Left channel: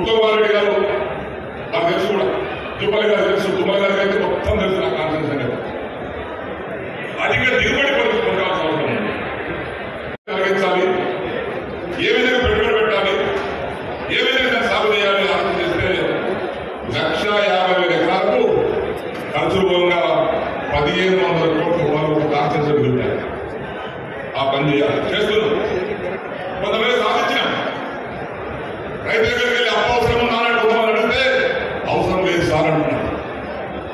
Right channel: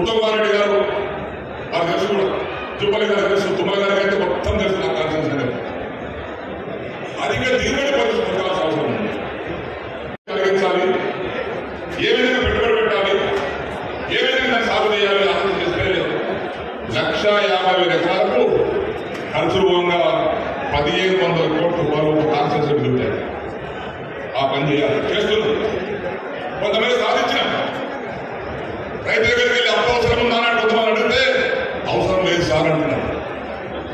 ఉత్తమవారెడ్డి గారు నాకు తెలుసు కూడా, తుమ్మల గారు తెలుసు, తుమ్మల గారికి అయితే మొత్తం తెలుసు నా కాన్షియస్ అనేది. అధిక దిగుబడి పొందాల్సిన అవసరం కలిగించాలి, ఏ విధంగా పెట్టుబడి పెట్టాలి, ఏ విధంగా దాన్ని సాగు చేయాలి ఆలోచన చేస్తే 1,50,000 ఎకరాలకు ఖర్చు పోగా 1,500 కోట్ల రూపాయలు కాన్షియస్ మిగులుతాయి. ఆ పని చేయాలి, చేస్తున్నాం. కొంతమంది సాధించిన రైతు దగ్గరికి వెళ్ళి అప్పవసరం ఉండాలని ఉద్యమాలు అడిగితే అవసరం లేదు సార్ అంటున్నారు.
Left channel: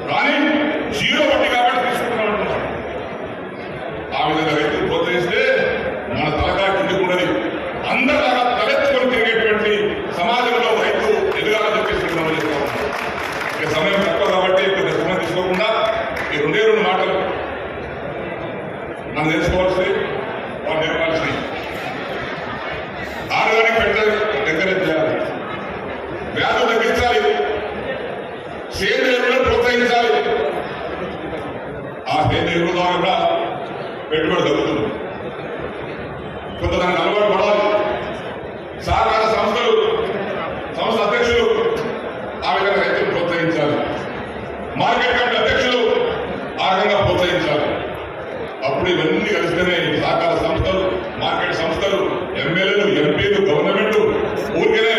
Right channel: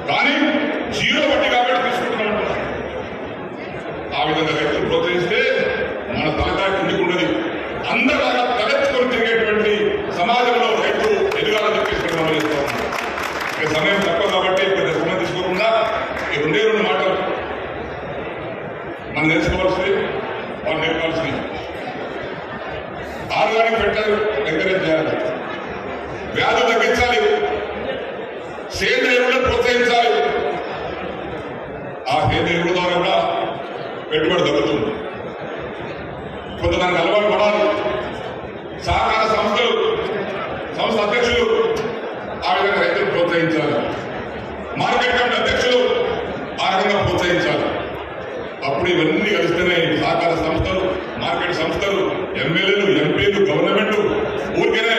కానీ జీరో వడ్డీ కాబట్టి తీసుకుంటున్నాను అంటున్నారు. ఆ విధంగా రైతులు ప్రోత్సహిస్తే మన తలకాయ కిందికి ఉన్నది. అందరిలాగా తలెత్తుకొని తిరిగేటువంటి సమాజంలో రైతు ఎదగాలని తీసుకుంటున్నామని సమయం తక్కువ కాబట్టి కొద్దిగా సమయం తీసుకోకుండా ఈ 2 మాటలు మనం నేర్చుకోవాల్సింది, వాళ్ళు నేర్పాల్సింది. ఆడదానికి పెట్టాలి, ఎంకరేజ్ చేయాలి, వ్యాధులు తగ్గించాలి, సేంద్రియ ఎరువులను ప్రోత్సహించాలి. ఆ సేంద్రియ ఎరువుల ద్వారా కూడా పెట్టుబడి తగ్గుతుంది. కొంతదానికి అలవాటు పడాలి. సహకార సంస్థ అధ్యక్షులు ఆ విధంగా రైతులు ప్రోత్సహించాలి. మార్కెట్ కమిటీ అధ్యక్షులు ఆ విధంగా ప్రోత్సహించాలి. అప్పుడు ఇవన్నీ కలిస్తేనే సహకార సంస్థలు, మార్కెట్ సంస్థలు, ఎమ్మెల్యేలు, ఎంపీలు, గవర్నమెంట్ ఊరికనే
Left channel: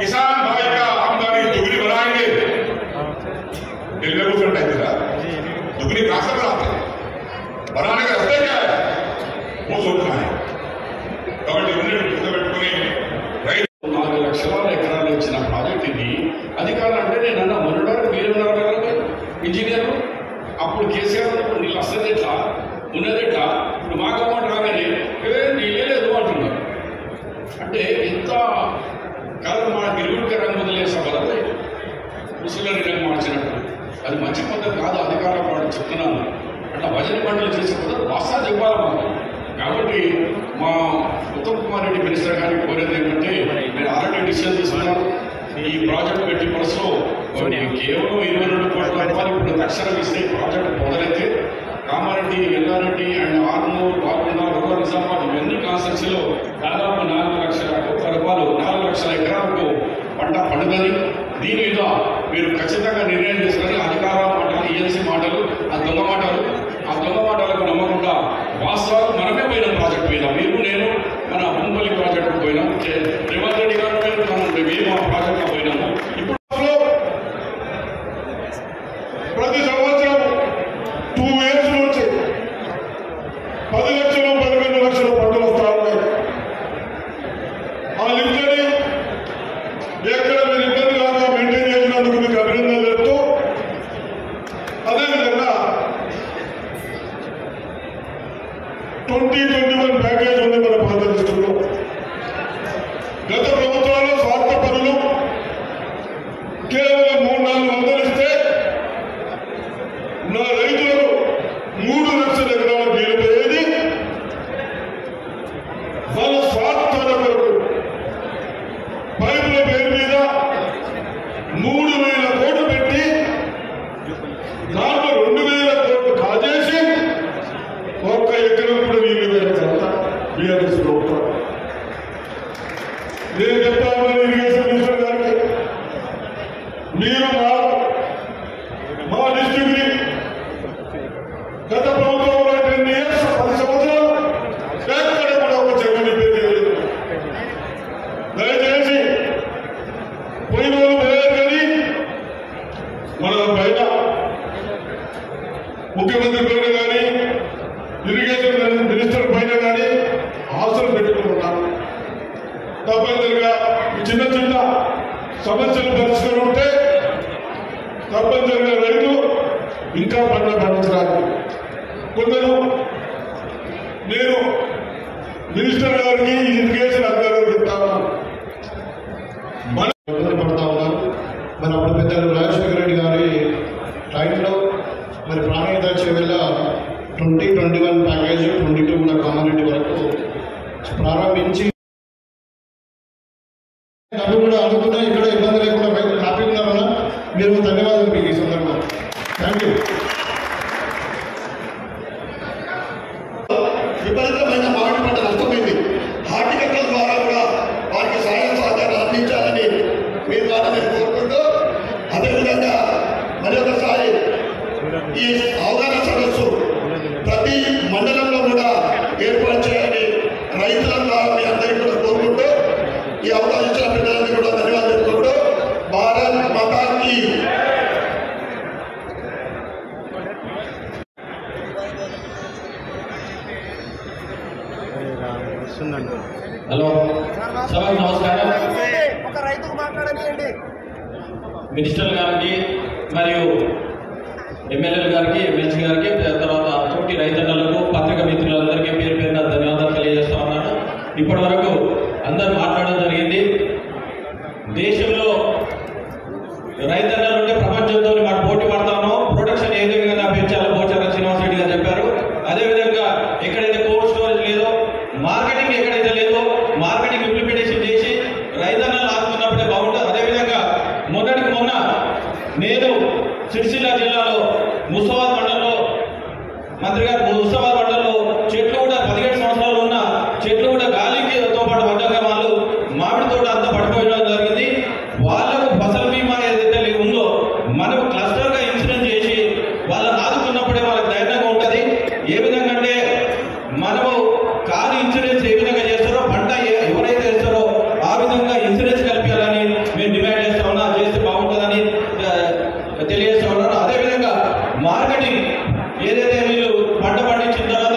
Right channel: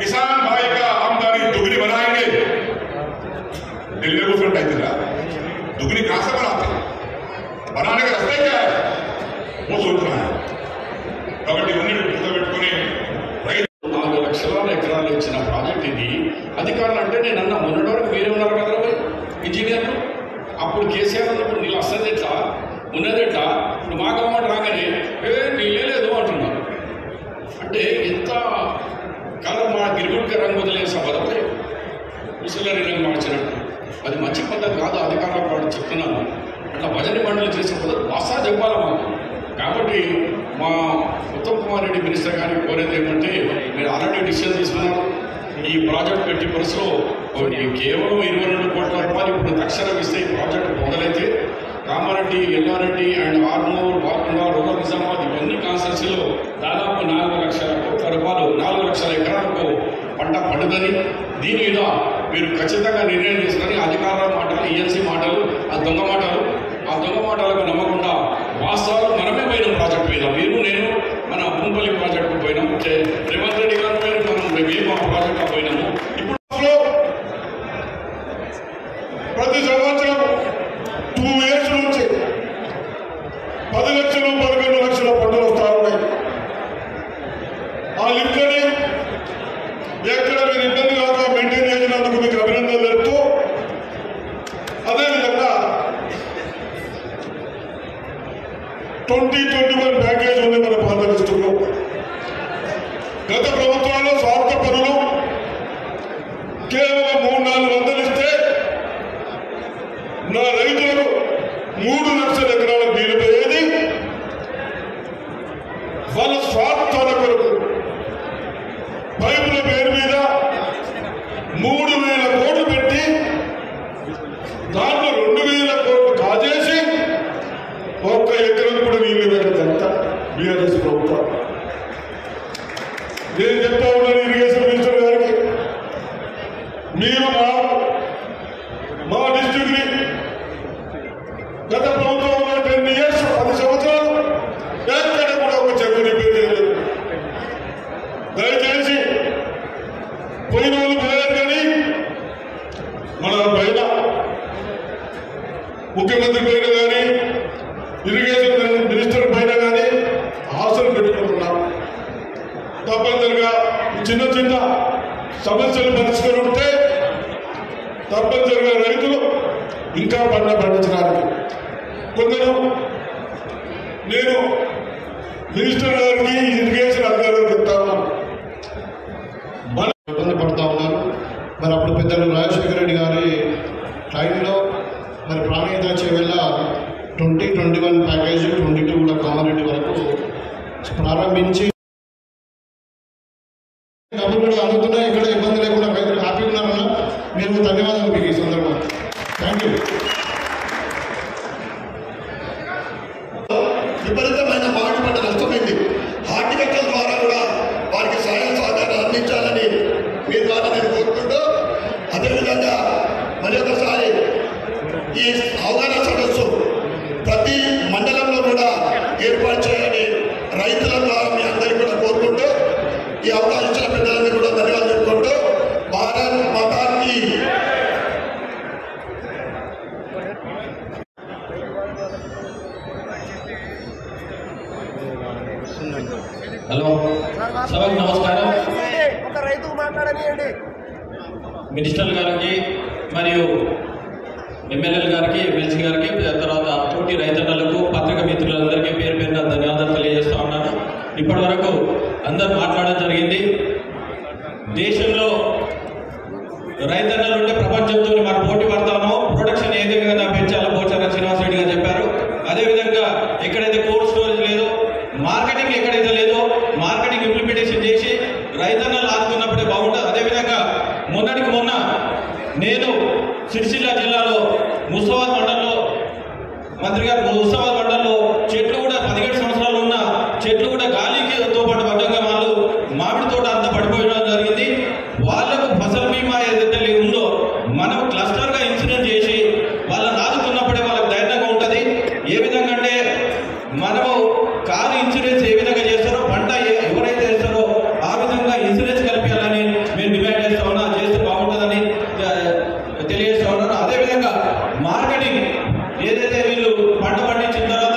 కిసాన్ భాయ్ కా ఆమ్దానీ दुगनी बनाएंगे కూర్చుంటే అవుతుందా? दुगनी कहां से बनाने का रास्ता क्या है वो सोचना है. కాబట్టి ఇవన్నీ గుర్తుపెట్టుకుని రైతు 4 లక్షల ఎకరాలు ఇచ్చిన ప్రాజెక్టుకి అధికారులు అంటే నేను అన్న మొన్నడానికి మీరు ఉన్నారు ఇంజనీర్లు. అప్పుడు కేసీఆర్ ఉన్నప్పుడు నీళ్ళు వస్తుంది ఎట్లా, ఉన్నది ఎట్లా, మాకు అమౌంట్ రాగానే నీళ్ళే లేదు అంటున్నారు. అంటే ఎంత కాదు, మా గిరిగుడికి రంగు వదిలేసా పదవి ముసలిగా మార్చినట్టు. అది మంచి పద్ధతి కాదు. అధికారులకు వాడు చెప్తున్నాను. అట్లా భజన పంటలు చేసే పద్ధతి వాస్తవం చెప్పాలి మాకు. కాబట్టి మా ఉత్తమ్ కుమార్ రెడ్డి మినిస్టర్ గారికి కోరేది ఏంటంటే, మీరు ఆల్రెడీ డిసిజన్ తీసుకున్నారు. ఈ ప్రాజెక్ట్ పెట్టి పురుషులో కేవలం 22 కోట్ల రూపాయలు ఇప్పుడు తక్షణం ఇస్తే ప్రాజెక్టు మొదలైతే కామారెడ్డి, ఎల్లారెడ్డి అండ్ ఆర్మూరు, బాల్కొండ, రూరల్ నిజామాబాద్ ఇవన్నీ కాన్స్టిట్యూన్సీలో దాదాపు 4 లక్షల కోట్ల రూపాయలు, 4 లక్షల ఎకరాలకు పంట పండుదని దీని మీద మీరు ఖచ్చితంగా నిర్ణయం తీసుకొని అధికారుల మాటలు, ఈఎన్సీ మాటలు, ఆ దొంగ మాటలకు నమ్మకుండా వాస్తవాలు మనమే పోయినాం ప్రాజెక్టు మీద. మీరు నేను మన ముంపల్లి ప్రాజెక్టుకు పోయినాం, రేవంత్ రెడ్డి గారు మనం మేము ఆ ప్రాజెక్టుకు పోయినాము. ఇప్పుడు ప్రతి సంవత్సరం 2 years నుంచి 2021 ప్యాకేజ్ ఉంది మన పాత లిస్టులో. గత ప్రభుత్వాలు స్వార్థ పనులు కేవలం 3-4 మందులు ఇస్తే నా రైతులకు 3 లక్షల ఎకరాల నీళ్లు పోయేది. వాళ్ళ స్వార్థాల కొరకు పైపుల పేరు మీద 3,000 కోట్లు పెట్టి దాంట్లో 2,000 కోట్లు కాజేసి ఒక్క ఎకరం కూడా నీళ్లు పెట్టేదంతా బీఆర్ఎస్ ప్రభుత్వం. నేను చెప్తా ఉన్నాను ఇరిగేషన్ మినిస్టర్ గారికి, మీరు మా డిస్ట్రిక్ట్ గత ప్రభుత్వం 10 years 10 సంవత్సరాలు ఎక్కడ కూడా ఒక చెరువు నింపేది. దయచేసి పోయిన పోయారు కానీ మన పైన ముఖ్యమంత్రి పైన కానీ ఇరిగేషన్ మినిస్టర్ పైన కానీ ఆశలు పెట్టుకుంటున్నాం. తప్పనిసరిగా చిన్న చిన్న సమస్యలు పరిష్కారం ఉంటే తప్పనిసరిగా రైతులు ఇంకా పంట పండించడానికి కొందరు నేను మినిస్టర్ గారికి ఇరిగేషన్ అధికారులు చెప్తా ఉన్నాను, ఇబ్బంది పడుతూ ఉన్నారు. మరి అప్పుడు పెద్దలు రాజశేఖర రెడ్డి గారి టైంలో మరి ప్రాణహిత చేవేళ 2021 ప్యాకేజ్ 22 కూడా కామారెడ్డి వరకు ప్రారంభించి డబ్బులు కూడా అందుతున్నాయి. ఇక్కడ ఇబ్బంది లేకుండా రైతులు హ్యాపీ ఉన్నారన్నా. మీరు ధన్యవాదాలు మీకు ఈ సందర్భంగా. Thank you. విపరీతమైన మామిడి పంట నష్టమైంది. హార్టికల్చర్ ద్వారా కూడా వారికి సహాయ సహకారాలు అందించాలని మీ ద్వారా నేను కోరుకుంటూ, అదేవిధంగా మరి ఒకసారి ఈ అవగాహన సదస్సు ప్రతి మండలంలో కూడా ఏర్పాటు చేయాలని రైతుల ద్వారా మీ అందరికీ కూడా కోరుకుంటూ, ఈ అవకాశం ఇచ్చిన పెద్దలందరూ కూడా ధన్యవాదాలు చెప్పుకుంటూ, భారత్ మాతాకి హలో, సభకు నమస్కారం. మినిస్టర్ గారికి మరియు ఎమ్మెల్యేల గారికి, ఎమ్మెల్సీ గారికి, తర్వాత తోటి రైతన్నలకు, పత్రిక మిత్రులందరికీ పేరు పేరున ధన్యవాదాలు తెలియజేస్తా ఉన్నాను. ఇప్పటి వరకు అందరూ మాట్లాడడం జరిగింది. దేశంలో రైతన్నలు ఉంటే ప్రపంచంతో మనం పోటీ పడతామో, ప్రొడక్షన్ ఏదే విధంగా పెంచాలో పోచారం శ్రీనివాస్ రెడ్డి గారు చెప్పారు. అదేవిధంగా ఎక్కడైతే కోల్డ్ స్టోరేజ్ లేదో, మార్కెటింగ్ ఎక్కడైతే లేదో మార్కెటింగ్ ఇంప్లిమెంటేషన్ చేసి రైతన్నలు ఆదుకున్నప్పుడే బాగుంటుంది. అదేవిధంగా మొన్నటికి మొన్న నేను సిరిసిల్ల జిల్లాలో ముస్తాబాద్ మండలంలో మంత్రి గారు ముస్తాబాద్ మండలంలో చెట్లు కూడా 17 సంవత్సరాలు ఉన్న చెట్లు కూడా గాలికి తో పాటు పడ్డగా వాళ్ళు మామిడి తోట అంతా పడిపోయడం జరిగింది. వాళ్ళకు ఫసల్ బీమా ఏదైతే ఉందో మనం క్లస్టర్ గా ఇన్సూరెన్స్ చేసి వాళ్ళని ఆదుకున్నప్పుడే వాళ్ళకి ధైర్యంగా ఉంటుంది. ఏ విధంగా అంటే మనము కారు ఇన్సూరెన్స్ ఏ విధంగా చేస్తారో, పంట ఎవరైతే చేస్తారో ఆ విధంగా ఇన్సూరెన్స్ కల్పించాలని మేము డిమాండ్ చేస్తా ఉన్నా. చేస్తే బాగుంటుందని తెలియజేస్తా ఉన్నాను. అదేవిధంగా మార్కెటింగ్ ఏదైతే వీళ్ళు పంట పండించిన తర్వాత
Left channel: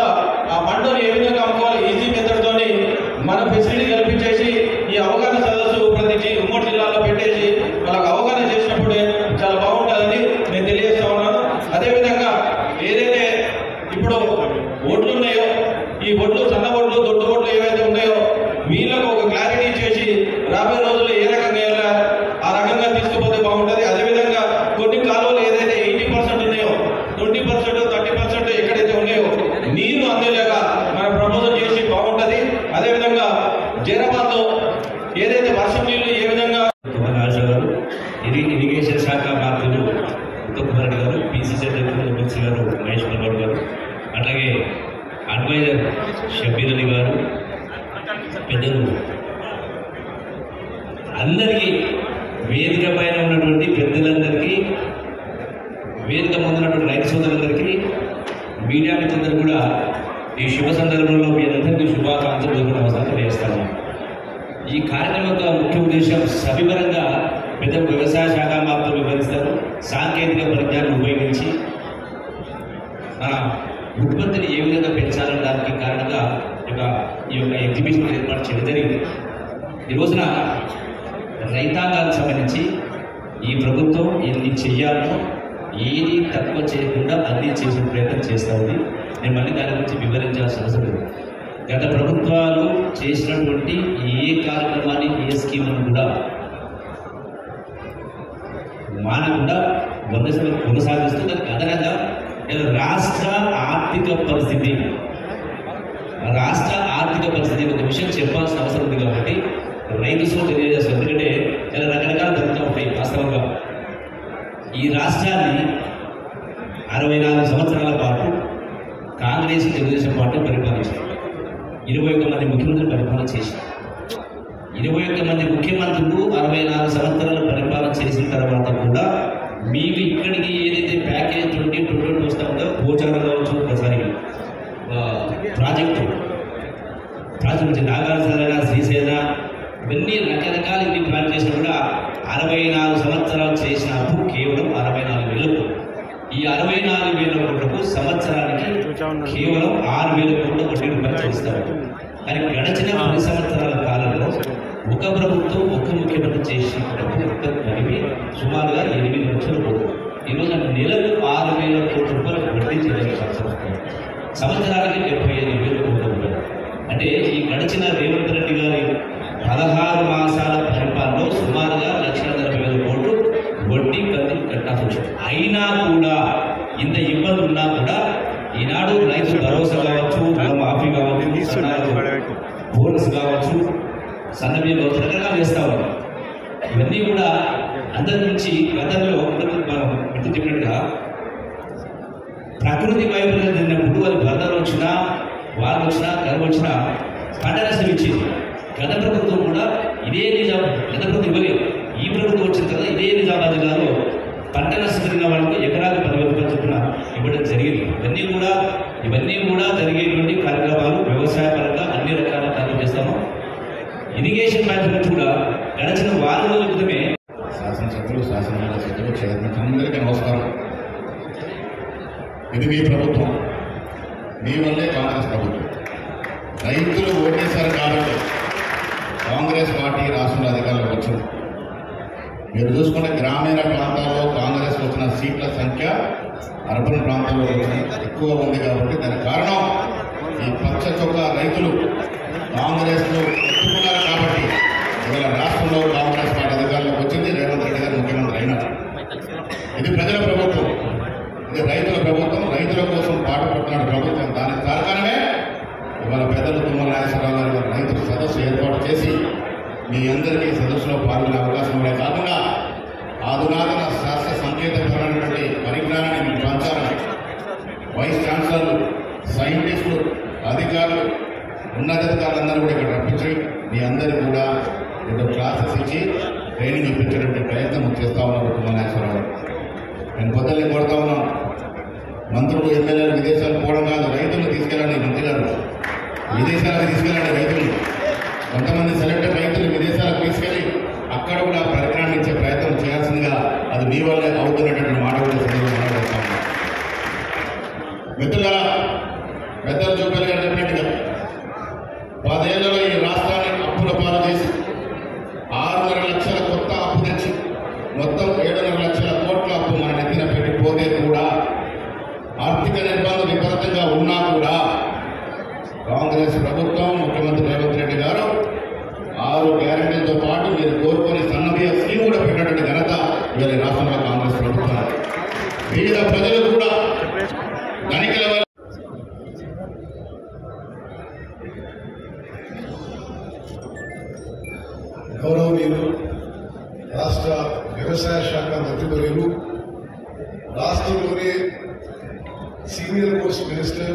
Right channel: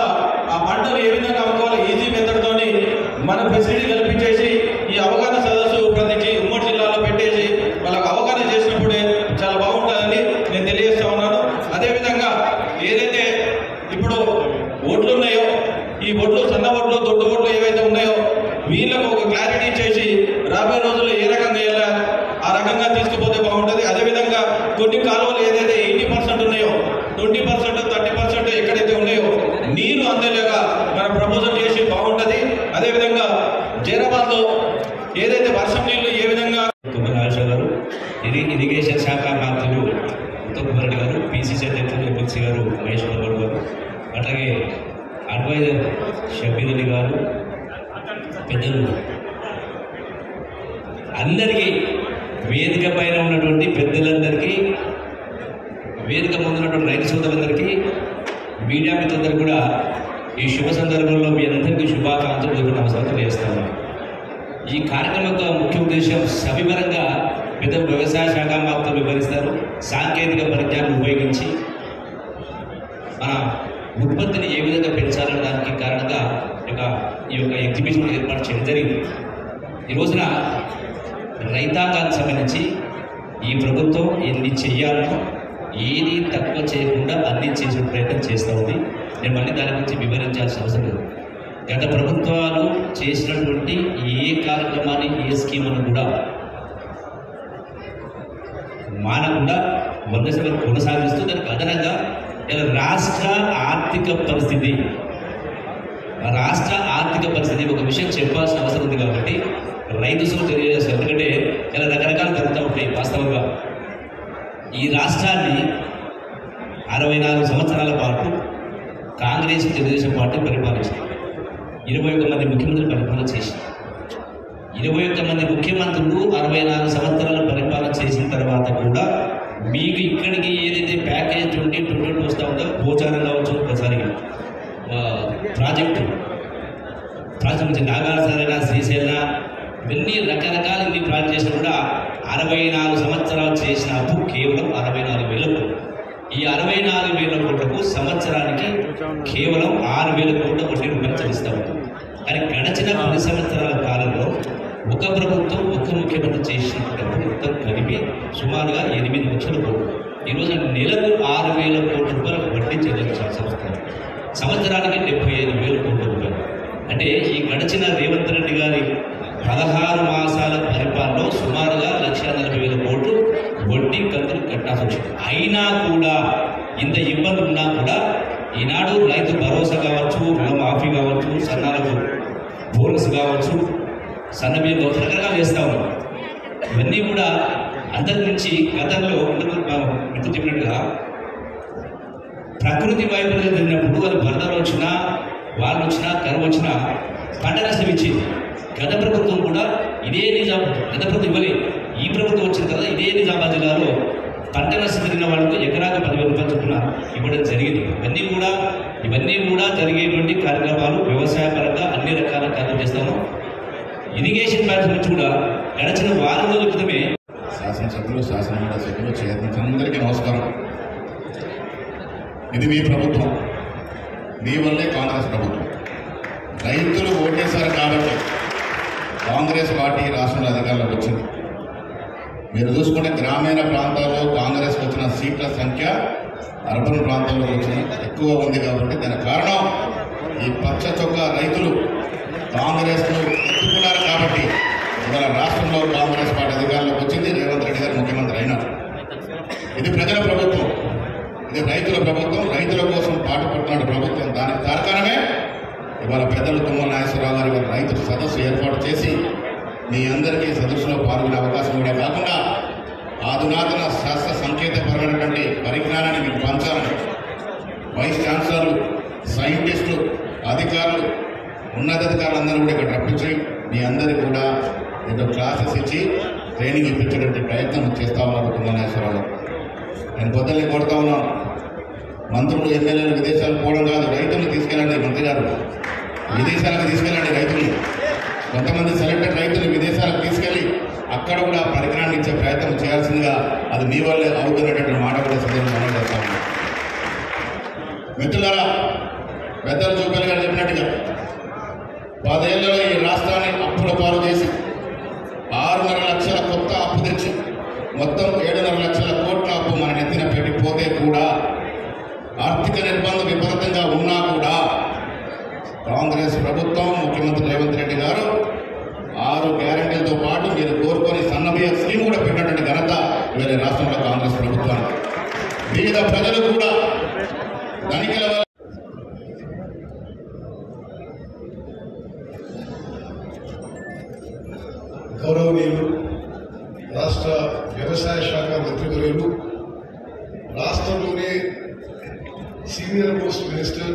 ఆ పంటను ఏ విధంగా అమ్ముకోవాలి ఈజీ మెథడ్ తోని మన ఫెసిలిటీ కల్పించేసి ఈ అవగాహన సదస్సు ప్రతి 3 జిల్లాల్లో పెట్టేసి వాళ్ళకి అవగాహన చేసినప్పుడే చాలా బాగుంటుందని నేను తెలియజేస్తా ఉన్నాను. అదేవిధంగా ఏదైతే ఇప్పుడు ఓట్లు ఉన్నాయో, ఈ ఓట్లు చిన్న ఓట్లు, దొడ్డు ఓట్లు ఏవైతే ఉన్నాయో వీళ్ళకు ఒక క్లారిటీ ఇచ్చేసి రాబోయే రోజుల్లో ఏ రకంగా వెళ్ళాలి ఆ రకంగా తీసుకుపోతే బాగుంటుంది. అదేవిధంగా కొన్ని కాలువలు ఏదైతే 80% ఉన్నాయో 20%, 30% ఎక్కడైతే ఉన్నాయో నీరు అందేలాగా మనం ప్రపోజల్ చేసి బాగుంటుంది. అదేవిధంగా జైరాబాద్లో ఏదైతే వర్షం నీళ్లు ఏ విధంగా రాజు గారు, ఇరిగేషన్ శాఖ మంత్రులు ఉత్తమ్ కుమార్ రెడ్డి గారు, పిసిసి అధ్యక్షులు ఎమ్మెల్సీ గారు మహేష్ కుమార్ గారు, అట్లాగే అడ్వైజర్ షబీర్ అలీ గారు, పెద్దలు అందరికీ, వేదిక పైన ఉన్నటువంటి పెద్దలందరికీ, వేదిక ముందున్నటువంటి రైతు సోదరులందరికీ, మీడియా మిత్రులందరికీ కూడా ఈ శుభ సందర్భంలో మీ అందరికీ శుభాకాంక్షలు నమస్కారం తెలియజేస్తాను. ఈ కార్యక్రమం యొక్క ముఖ్య ఉద్దేశం సవివరంగా పెద్దలు వ్యవసాయ శాఖ మంత్రులు వివరిస్తారు. సాంకేతిక పరిజ్ఞానం ఉపయోగించి మన ఉత్పత్తిని ఏ విధంగా పెంచాలనే దానికి కారణంగా ఈ యొక్క ఎగ్జిబిషన్ ఏర్పాటు చేయడం జరిగింది. ఈ రోజున రైతాంగానికి సంబంధించి ఈ ప్రభుత్వం ఎన్ని చేయాలో ఏది తక్కువ చేయకుండా అన్ని చేసే ప్రయత్నం చేస్తూ ఉంది. నేను మళ్ళీ దాని గురించి వివరించాల్సిన అవసరం లేదు. గత ప్రభుత్వాలు చేసినటువంటి ఏ కార్యక్రమాన్ని ఏ స్కీమును కూడా మానకుండా 100% కొనసాగిస్తూ దానికి అదనంగా రాష్ట్ర ఆర్థిక పరిస్థితి ఒక విషయం చెప్పాల్సిన అవసరం ఉంది కాబట్టి రైతు సోదరులు తెలియజేస్తారు. ఎందుకంటే ఇలా రకరకాలు జరుగుతూ ఉంటాయి. వాస్తవంగా ఈ రాష్ట్రాన్ని 64 సంవత్సరాల పాటు కాంగ్రెస్ తెలుగుదేశం పార్టీ పరిపాలించింది. 21 మంది ముఖ్యమంత్రులు పరిపాలన చేశారు. 21 మంది ముఖ్యమంత్రులు 64 సంవత్సరాలు పరిపాలన చేసిన తర్వాత కూడా మీకు ఇక్కడికి ఏదైతే ప్యాకేజ్ 2022 వస్తూ ఉందో పోచారం కావచ్చు, ఒకసారి ప్రాజెక్టు నుంచి నాగార్జున, శ్రీశైల ఇవన్నీ రకరకాల ఇన్ని ప్లాన్ చేసినా కూడా 64 సంవత్సరాలు చేసిన అప్పు కేవలం 64,000. ఈ 64,000 కోట్లకు సంవత్సరానికి కేవలం 6,000 కోట్ల వడ్డీ రూపాయలు చెల్లిస్తారు. కానీ గడిచిన 10 సంవత్సరాల కాలంలో ఒక ప్రభుత్వం ఒక్క ముఖ్యమంత్రి చేసిన డబ్బు మొత్తం కలిపి సుమారుగా 8 లక్షల కోట్లు. ఈరోజు నెలకు 6,000 కోట్ల రూపాయలు వడ్డీ చెల్లించాల్సి వస్తుంది. సంవత్సరానికి 75,000 కోట్ల రూపాయలు. అంటే ఈ గడిచిన రేవంత్ రెడ్డి గారి 16 మాసాల పరిపాలనలో సుమారుగా 1,40,000 కోట్లు వడ్డీ కంతులు కట్టాల్సి వచ్చింది. అయినా కూడా ఇంత ఇబ్బంది ఉన్నా కూడా ఈనాడు రైతు భరోసా కావచ్చు, రుణమాఫీ కావచ్చు, సన్నాలు బోనస్ కావచ్చు, సన్నబిల్లు రకరకాలు వేస్తా ఉన్నాం. ఇవన్నీ కూడా అందరి నుంచి గతంలో ఇంత చెప్పినట్టుగా ప్రకృతి వైఫల్యం జరిగినప్పుడు అది వరదలు వచ్చినా, వారు వచ్చినా, కరువు వచ్చినా పంట నష్టం ఇచ్చింది. గత ప్రభుత్వం కూడా ఇదే గత ప్రభుత్వం ఇవ్వలేదు. ఈ ప్రభుత్వం వచ్చిన తర్వాత ఇదే నిజామాబాద్ జిల్లాలో పంట నష్టం జరిగిన వాళ్ళకి ఎకరాకు 10,000 రూపాయలు చొప్పున ఇవ్వడం జరిగింది. ఇవన్నీ కూడా జరిగేటువంటి కార్యక్రమాలు వ్యవసాయ పరంగా అన్ని రకాల కార్యక్రమాలు చేస్తాము. ఇరిగేషన్ కార్యక్రమం కూడా గడిచిన వారం రోజుల క్రితమే శాసనసభ్యులు, శాసనమండలి సభ్యులు, అందరికీ నమస్కారం. ఇది మీ ప్రభుత్వం, మీ వల్లే కాంగ్రెస్ ప్రభుత్వం. రైతులు ఓటేశారు కాబట్టి కాంగ్రెస్ పార్టీ రాష్ట్రంలో అధికారంలోకి వచ్చింది. మీరు చూసుకుంటే గ్రామీణ ప్రాంతాల్లో కాంగ్రెస్ వచ్చిన సీట్ల సంఖ్య అర్బన్ ప్రాంతాల్లో వచ్చిన ఎక్కువ ఉంది. కాబట్టి దానికి కారణం ఈ పచ్చ చొక్కా రైతులు కాంగ్రెస్ను ఎత్తుకున్నారు. కాబట్టి ఇవాళ రాష్ట్రంలో కాంగ్రెస్ పార్టీ అధికారంలోకి వచ్చింది. రేవంత్ రెడ్డి గారు ముఖ్యమంత్రి అయినారు. ఇది ప్రజల ప్రభుత్వం, ఇది రైతుల ప్రభుత్వం. రైతుల కోసం పాటుపడుతున్నాడు ప్రభుత్వం. దానికి కారణమే ఇవాళ పెద్దలు తుమ్మల నాగేశ్వరరావు గారు రైతుల సదస్సు ఏర్పాటు చేసి మీ అందరికీ సదస్సులో పాల్గొనే అవకాశం ఉండే కాకుండా ఆధునాతన శాస్త్ర సంకేతపరమైనటువంటి పరిజ్ఞానాన్ని మీకు పంచాలని వైస్ ఛాన్సలర్లు, సైంటిస్టులు, అధికారులు, ఉన్నతాధికారులందరూ కూడా ఇక్కడ రప్పించి మీ అందరికీ కూడా ఒక క్లాసెస్ ఇచ్చి ట్రైనింగ్ ఇప్పించేటువంటి ప్రయత్నం చేస్తా ఉన్నారు తుమ్మల నాగేశ్వరరావు గారు. నేను కొత్తలు కొడతా ఉన్నాను. మంత్రులు, ఎమ్మెల్యేలు విదేశాలకు పోవడం కాదు, రైతులను తీసుకెళ్ళండి. మంత్రి గారు విదేశాలకు తీసుకెళ్ళండి రైతులు. కొంతమంది సెలెక్టెడ్ రైతులు విదేశాలకు తీసుకెళ్లి అక్కడ కూడా పరిజ్ఞానాన్ని ఇచ్చే ప్రయత్నం చేయాల్సిందిగా అది మీ వల్ల అవుతున్నటువంటి మాట కూడా సందర్భంగా చేస్తా ఉన్నాం. మిత్రులారా, పెద్దలు చూపేలు గారు చెప్పినట్టుగా 10 ఏళ్లలో ఈ రాష్ట్రాన్ని అప్పుల పాలు చేసి 6.5 లక్షల కొత్త అప్పు తెచ్చి మొత్తం 7.5 లక్షల కోట్ల అప్పు మన నెత్తిన పెట్టిపోతే కూడా ఆర్థిక నిర్బంధం విపరీతంగా ఉన్నా కూడా కాంగ్రెస్ ప్రభుత్వం, ముఖ్యమంత్రి రేవంత్ రెడ్డి గారు 6 గ్యారెంటీలతో పాటు మీరు కోరుకొని సన్నబియ్య స్కీమ్ కూడా పెట్టేటువంటి ఘనత ఇవాళ రాష్ట్రంలో కాంగ్రెస్ ప్రభుత్వాన్ని. పేద ప్రజలు కూడా ధనికుల గౌరవనీయులు రాష్ట్ర వ్యవసాయ శాఖ మంత్రివర్యులు, రాష్ట్రంలోనే సీనియర్ మోస్ట్ మినిస్టర్,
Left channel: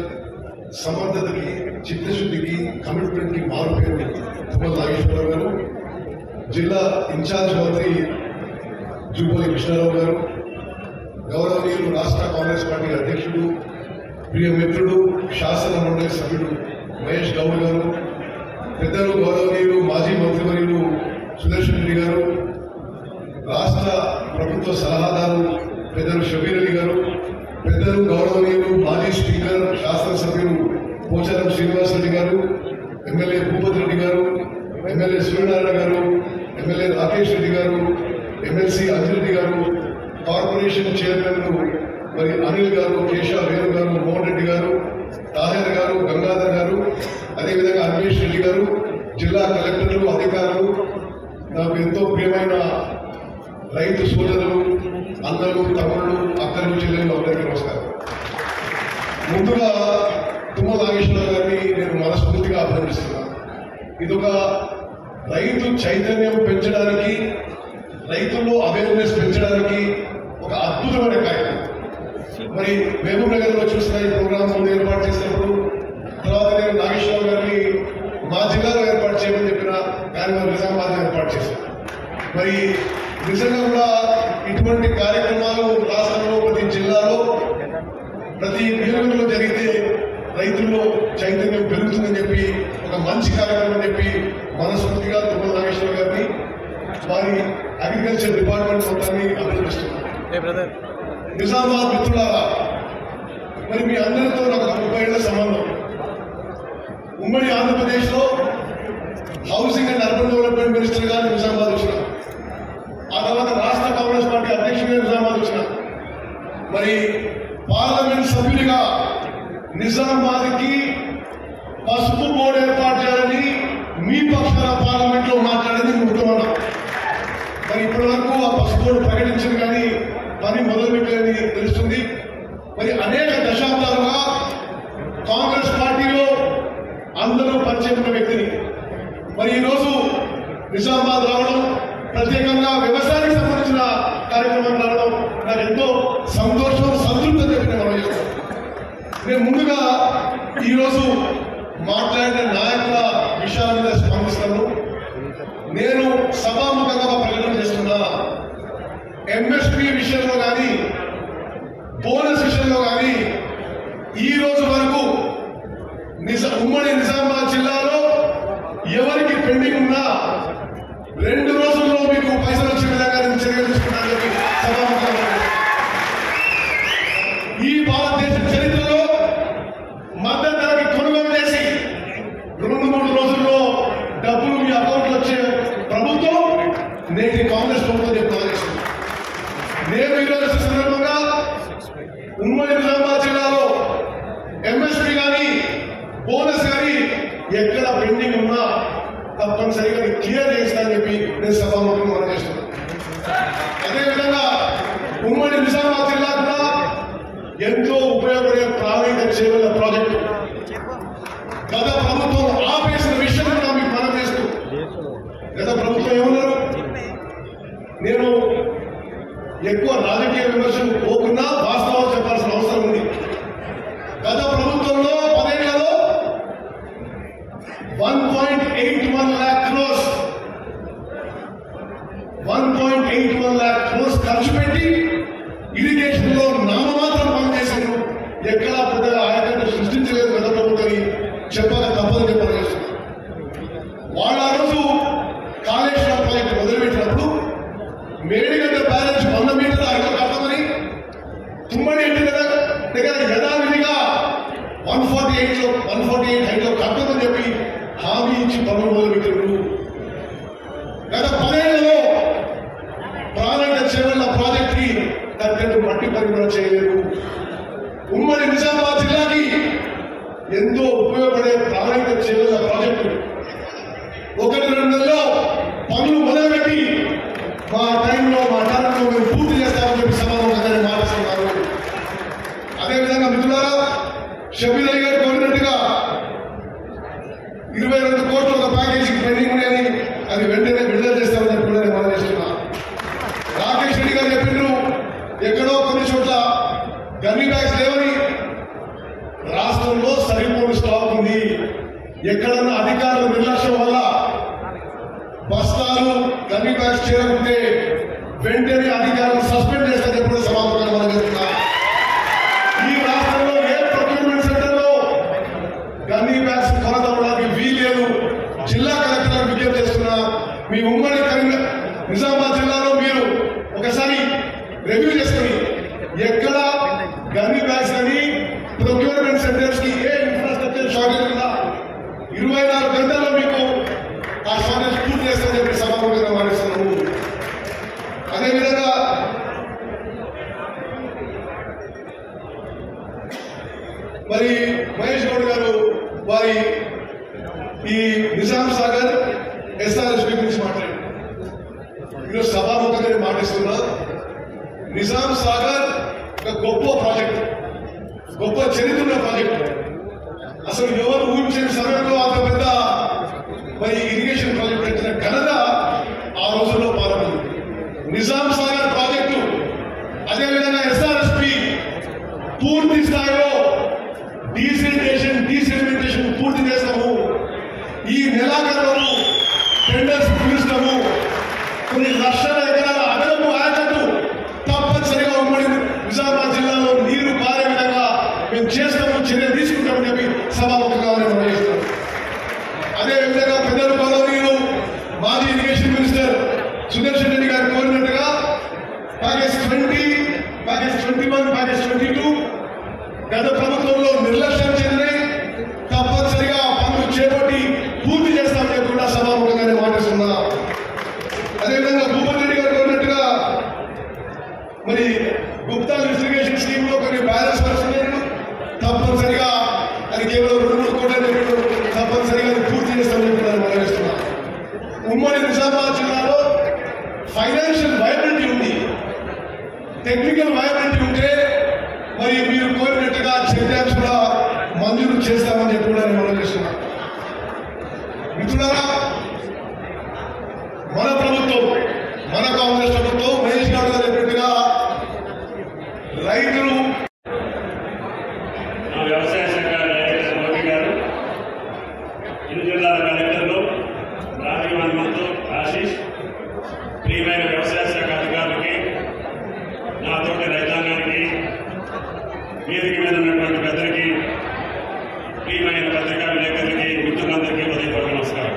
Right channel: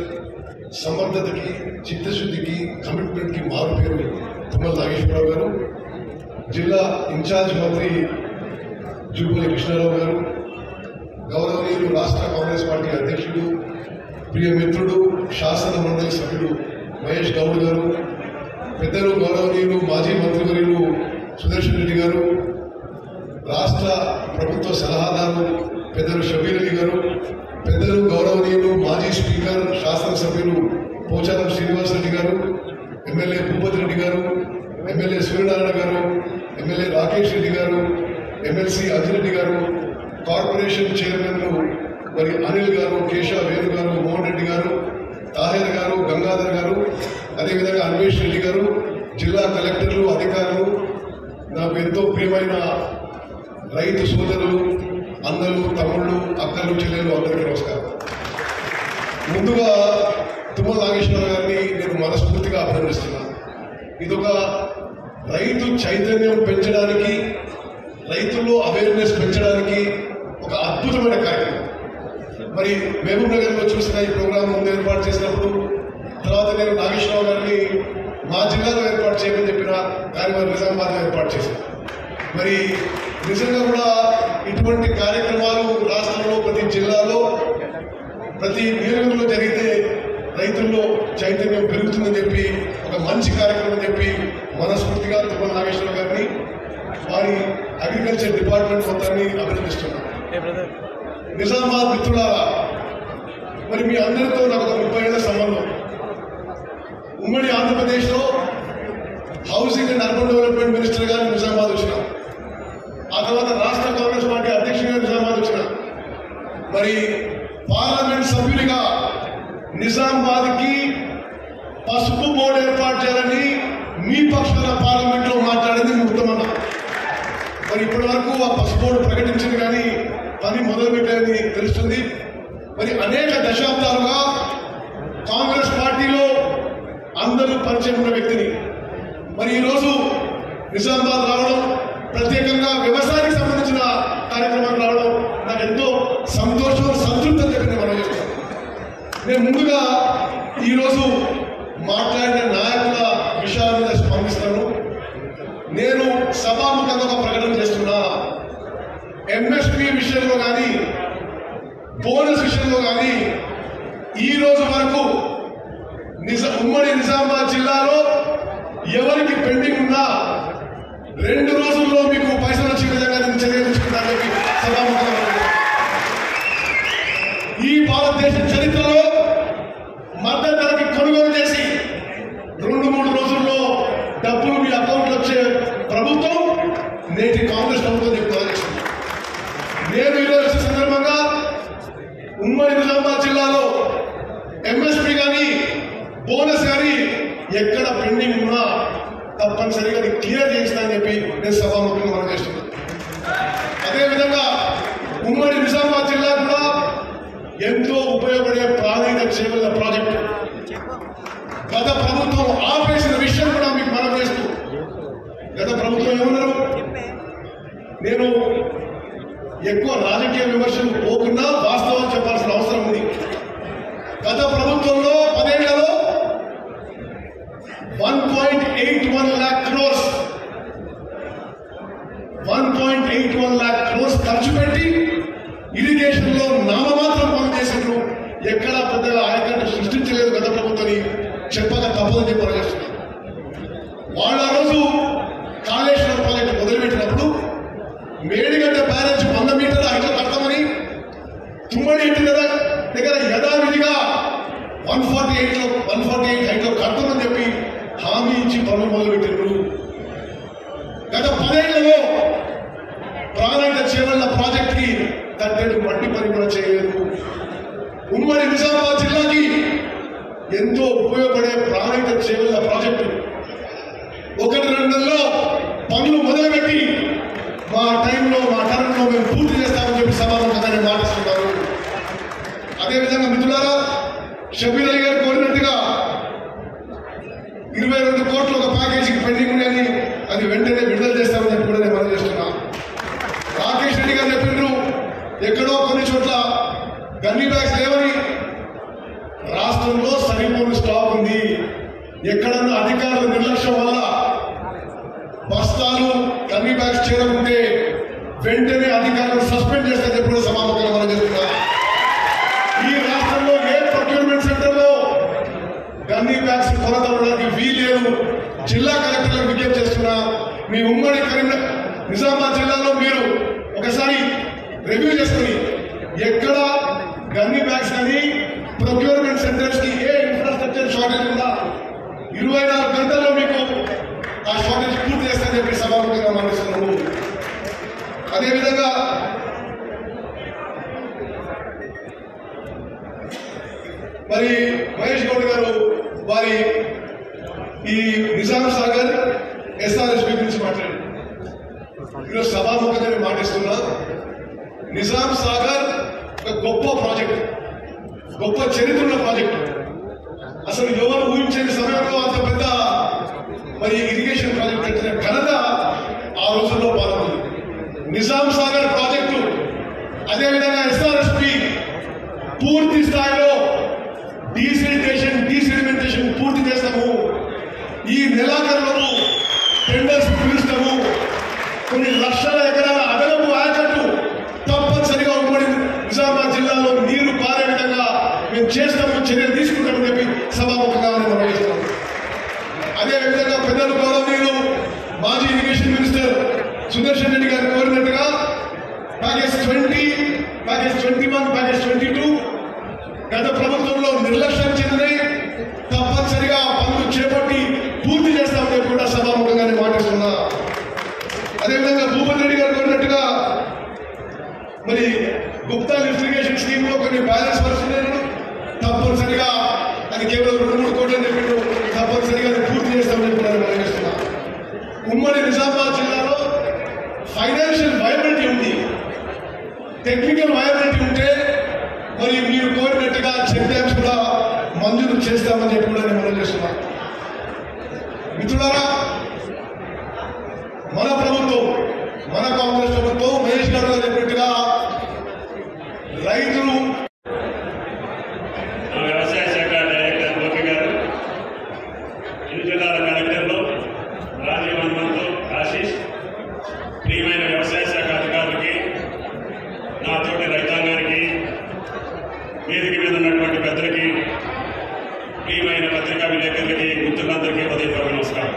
సమర్థతకి, చిత్తశుద్ధికి, కమిట్మెంట్ కి మారుపేరు తుమ్మల నాగేశ్వరరావు గారు, జిల్లా ఇన్ఛార్జ్ మంత్రి జూపల్లి కృష్ణారావు గారు, గౌరవనీయులు రాష్ట్ర కాంగ్రెస్ పార్టీ అధ్యక్షుడు, ప్రియ మిత్రుడు, శాసన మండలి సభ్యుడు మహేష్ గౌడ్ గారు, పెద్దలు గౌరవనీయులు మాజీ మంత్రివర్యులు సుదర్శన్ రెడ్డి గారు, రాష్ట్ర ప్రభుత్వ సలహాదారు పెద్దలు షబీర్ అలీ గారు, పెద్దలు గౌరవనీయులు మాజీ స్పీకర్ శాసనసభ్యులు పోచారం శ్రీనివాసరెడ్డి గారు, ఎమ్మెల్యే భూపతి రెడ్డి గారు, ఎమ్మెల్యే సూర్యనారాయణ గారు, ఎమ్మెల్యే రాకేష్ రెడ్డి గారు, ఎమ్మెల్సీ అంజిరెడ్డి గారు, కార్పొరేషన్ చైర్మన్లు మరి అనిల్ గారు, కేశవ వేణు గారు, మోహన్ రెడ్డి గారు, ముందుగా తుమ్మల నాగేశ్వరరావు గారిని నేను మనస్ఫూర్తిగా అభినందిస్తున్నాను. ఇదొక రైతు చైతన్యం పెంచడానికి, రైతుల్లో అవేర్నెస్ పెంచడానికి ఒక అద్భుతమైన కార్యక్రమం. మరి మహబూబ్ నగర్ లో చూసిన ఈ ప్రోగ్రామ్ ఏర్పాటు చేసినప్పుడు తర్వాత నేను నాగేశ్వరరావు గారిని మా జిల్లాలో ఏర్పాటు చేయమని చెప్పిన ఆయన నిజామాబాద్ లో ఏర్పాటు చేశాను. మరి నిజంగా కూడా ఇటువంటి కార్యక్రమాలు రాష్ట్రంలో ప్రతి జిల్లాలో ప్రతి నియోజకవర్గంలో జరిగితే రైతుల్లో చైతన్యం పెరుగుతుందని చెప్పి ఒక మంచి కార్యక్రమం అని చెప్పి మనస్ఫూర్తిగా తుమ్మల నాగేశ్వరరావు గారిని వారి అగ్రికల్చర్ డిపార్ట్మెంట్ మొత్తాన్ని అభినందిస్తున్నాను. నిజామాబాద్ మిత్రులారా, మరి మీ అందరితో నాకు 30 ఏళ్ల సంబంధం. ఉమ్మడి ఆంధ్రప్రదేశ్ లో housing and urban development minister గారు నిజామాబాద్ వచ్చిన, ఆ తర్వాత రాష్ట్ర కాంగ్రెస్ పార్టీ అధ్యక్షుడిగా నిజామాబాద్ వచ్చిన, మరి పార్లమెంట్ సభ్యుడిగా నిజామాబాద్ కి పసుపు బోర్డు ఏర్పాటు చేయాలని మీ పక్షాల పార్లమెంట్ లో మాట్లాడేది ముఖ్యమన్నా. మరి ఇప్పటి వరకు ఆ పసుపు బోర్డు ప్రకటించింది కానీ పని మొదలుపెట్టాలని తెలుస్తుంది. మరి అనేక దశాబ్దాలుగా కాంగ్రెస్ పార్టీలో అందరూ పరిచయం ఉన్న వ్యక్తిని మరి ఈరోజు నిజామాబాద్ రావడం, ప్రత్యేకంగా వ్యవసాయానికి సంబంధించిన కార్యక్రమం రావడం నాకు ఎంతో సంతోషం, సంతృప్తి చెప్పి నేను మనం చేస్తాను. నేను ముందుగా ఈరోజు మాట్లాడిన నాయకుల విషయాల మీద స్పందిస్తాను. నేను సభాముఖంగా ప్రకటన చేస్తున్నా, ఎంఎస్పీ విషయంలో కానీ బోనస్ విషయంలో కానీ ఈ రోజు వరకు ఉమ్మడి నిజామాబాద్ జిల్లాలో ఎవరికి పెండింగ్ ఉన్నా 2 రోజుల్లో మీకు పైసలు వచ్చే విధంగా నేను చర్య తీసుకున్నానని చెప్పి సభాముఖంగా ఈ భారతదేశ చరిత్రలో మద్దతు ధరకి కొనుగోలు చేసి 2-3 రోజుల్లో డబ్బులు మీ అకౌంట్ వచ్చే ప్రభుత్వం నేటి కాంగ్రెస్ ప్రభుత్వం చెప్తామని నేను ఈరోజు సందర్భంగా ఉమ్మడి నిజామాబాద్ జిల్లాలో ఎంఎస్పీ కానీ బోనస్ కానీ ఎక్కడ పెండింగ్ ఉన్నా తప్పనిసరిగా క్లియర్ చేస్తానని చెప్పి నేను సభాముఖంగా మనం చేస్తున్నాను. అదేవిధంగా ఉమ్మడి నిజామాబాద్ జిల్లా కూడా ఎంతో ఉపయోగపడే ప్రాథమిక సేవల ప్రాజెక్టు గత ప్రభుత్వం ఆపేసిన విషయం కూడా మీకు మనం చేస్తూ, గత ప్రభుత్వం ఏమన్నారు, నేను ఎక్కువ రాజకీయ విమర్శలు పోకుండా వాస్తవాలు చెప్పాల్సిన అవసరం ఉంది. గత ప్రభుత్వంలో 10 ఏళ్లలో 1.81 lakh crores 1.81 lakh crores ఖర్చు పెట్టి ఇరిగేషన్ లో నామమాత్రం పనులు చేశారు. ఎక్కడా పెద్దగా ఆయకట్టు సృష్టించలేదు గత ప్రభుత్వం, చెప్పక తప్పదని పని చేస్తున్నారు. వాళ్ళ రోజు కాళేశ్వరం ప్రాజెక్టు మొదలుపెట్టినప్పుడు మేడిగడ్డ బ్యారేజ్ 100 మీటర్ల హైట్లో కడతామని తుమ్మడి ఇంటి దగ్గర యథావిధిగా 148 హైట్లో కడతామని చెప్పి హామీ ఇచ్చి పనులు మొదలుపెట్టారు. గత 10 ఏళ్లలో ప్రాణాయిత చేవల్ల ప్రాజెక్ట్ కి తగ్గట్టు మట్టి పని కూడా చేయలేదు. ఉమ్మడి నిజామాబాద్ జిల్లాకి ఎంతో ఉపయోగపడే ప్రాణాయిత చేవల్ల ప్రాజెక్టు 1-2 నెలల్లో పనులు మొదలుపెట్టి మా టైంలో మా టర్మ్లో మేము పూర్తి చేస్తామని చెప్పి సభలో మాట్లాడుతున్నారు. అదేవిధంగా మిత్రులారా, షబీర్ అలీ గారు కోరినట్టుగా 22 కోట్ల ఒక ప్యాకేజీకి పెండింగ్ ఉండేది, అది వెంటనే విడుదల చేస్తామని చెప్పి కూడా నేను మనం చేస్తున్నా. రాకేష్ రెడ్డి గారు చెప్పిండ్రు ఎక్కడో కొన్ని చోట్ల గన్నీ బ్యాగ్స్ లేవని. రాష్ట్రంలో సరిపోని స్టాక్ ఉంది. ఎక్కడన్నా అధికారుల నిర్లక్ష్యం వల్ల బస్తాలు గన్నీ బ్యాగ్స్ చేరకుంటే వెంటనే అధికారులు సస్పెండ్ చేస్తారని చెప్పి కూడా సమాధానం మనం చేస్తున్నా. ఈ రాష్ట్రంలో ఏ ప్రొక్యూర్మెంట్ సెంటర్ లో గన్నీ బ్యాగ్స్ కొనదవడానికి వీలేదు. జిల్లా కలెక్టర్ విజ్ఞప్తి చేస్తున్నా, మీ ఉమ్మడి నిజామాబాద్ జిల్లాలో మీరు ఒకసారి రివ్యూ చేసుకుని ఎక్కడ గన్నీ బ్యాగ్స్ కానీ ప్రొక్యూర్మెంట్ సెంటర్స్ కి ఏ ఇన్ఫ్రాస్ట్రక్చర్ షార్టేజ్ ఉందా 24 గంటల్లో మీకు ఆ షార్టేజ్ పూర్తి చేస్తారని చెప్పి సభాముఖంగా మాట్లాడుతున్నాము. అదేవిధంగా మరి మహేష్ గౌడ్ గారు వారి ఈ నిజాం సాగర్ ఎస్ఆర్ఎస్పీ గురించి మాట్లాడారు. ఈరోజు సభాముఖంగా మాట్లాడుతున్నా. నిజాం సాగర్ ఒక గొప్ప ప్రాజెక్ట్, గొప్ప చరిత్ర ప్రాజెక్టు. అసలు ఎవరు ఊహించని సమయంలో అంత పెద్ద మరి ఇరిగేషన్ ప్రాజెక్ట్ తెచ్చిన ఘనత ఆ రోజుల్లో పాల్గొంది. నిజాం సాగర్ ప్రాజెక్టు, అదేవిధంగా ఎస్ఆర్ఎస్పి పూర్తి స్థాయిలో డీసెడిమెంటేషన్ పూర్తి చేస్తాము. ఈ నెలాఖరులోపు టెండర్స్ పిలుస్తాము. కొన్ని లక్షల ఎకరాల అదనపు ఆయకట్టు తప్పనిసరిగా ఉమ్మడి నిజామాబాద్ జిల్లాలో నీరు పారే విధంగా మేము చేస్తాము, చర్యలు తీసుకుంటామని చెప్పి సభాముఖంగా మేము నిర్వహిస్తాం. అదేవిధంగా పెద్దలు గౌరవనీయులు మాజీ ఇరిగేషన్ మినిస్టర్ సుదర్శన్ రెడ్డి గారు కోరినట్టుగా ప్యాకేజ్ 20, ప్యాకేజ్ 21, ప్యాకేజ్ 22 గత ప్రభుత్వంలో నిర్లక్ష్యం చెంది తప్పనిసరిగా పనులు చేపట్టి పూర్తి చేస్తామని కూడా సభాముఖంగా మాట్లాడుతున్నా. అదేవిధంగా భూపతి రెడ్డి గారు కోరినట్టుగా మరి గుప్తా ఇరిగేషన్ స్కీమ్ లో కొన్ని బ్యాలెన్స్ వర్క్స్ తప్పనిసరిగా అది కేవలం 2 కోట్ల తప్పనిసరిగా పూర్తి చేస్తామని కూడా మాట్లాడుతున్నా. ఉమ్మడి నిజామాబాద్ జిల్లాలో ఫైనాన్షియల్ వయబిలిటీ ఉంది, టెక్నికల్ వయబిలిటీ ఉంటే మరి మీరు కోరినట్టుగా చెక్ కూడా మంజూరు చేస్తామని చెప్పి కూడా నేను మాట్లాడుతున్నా. మిత్రులారా, మన ప్రభుత్వం, మన కాంగ్రెస్ ప్రభుత్వం మహేష్ గారు చెప్పినట్టుగా రైతులు వ్యవసాయ శాఖ డైరెక్టర్ మోదీ గారు, ఇరు జిల్లాల కలెక్టర్లు, రాజీవ్ హనుమంతు, ఆశీష్, ప్రియమైన వ్యవసాయ శాఖ అధికారులకి, నా తోటి రైతాంగానికి, వేదిక మీద ఉన్నటువంటి పెద్దలకి, ప్రియమైన పత్రికా విలేకరులకి, మిత్రులందరికీ ఉదయపూర్వక నమస్కారం.